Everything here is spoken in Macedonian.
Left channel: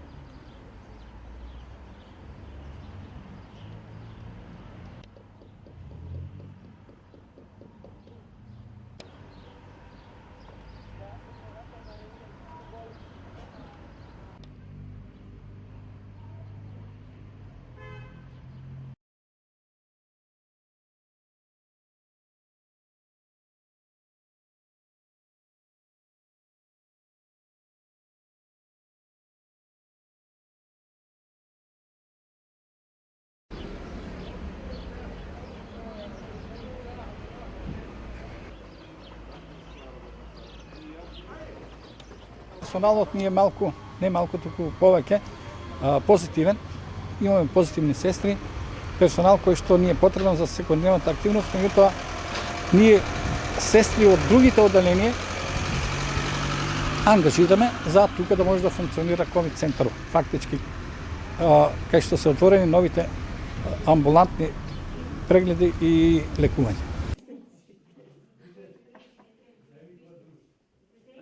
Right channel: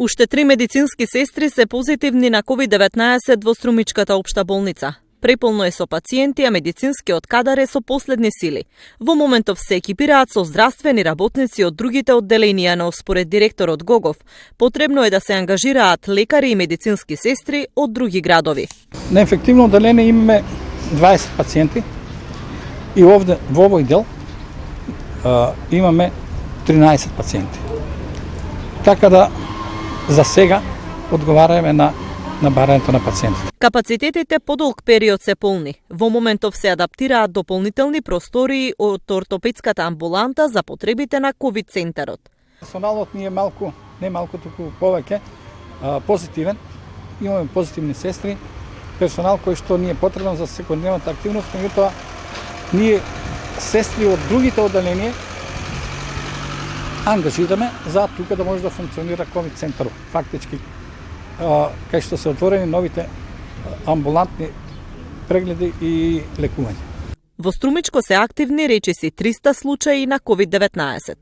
Уште 3 медицински сестри се позитивни на COVID-19 во Струмичката општа болница. Преполно е со пациенти, а медицинскиот кадар е со последни сили. Во моментов се екипираат со здравствени работници од другите одделенија, но според директорот Гогов, потребно е да се ангажираат лекари и медицински сестри од други градови. На ефективно одделение имаме 20 пациенти и овде во овој дел имаме 13 пациенти. Така да за сега одговараме на барањето на пациентите. Капацитетите подолг период се полни. Во моментов се адаптираат дополнителни простории од ортопедската амбуланта за потребите на ковид центарот. Персоналот ни е малку, не малку, туку повеќе позитивен. Имаме позитивни сестри, персонал кој што ни е потребен за секојдневната активност, меѓутоа ние сестри од другите одделенија ангажираме за тука да може да функционира ковид центарот. Фактички кај што се отворени новите амбулантни прегледи и лекување. Во Струмичко се активни речиси 300 случаи на COVID-19.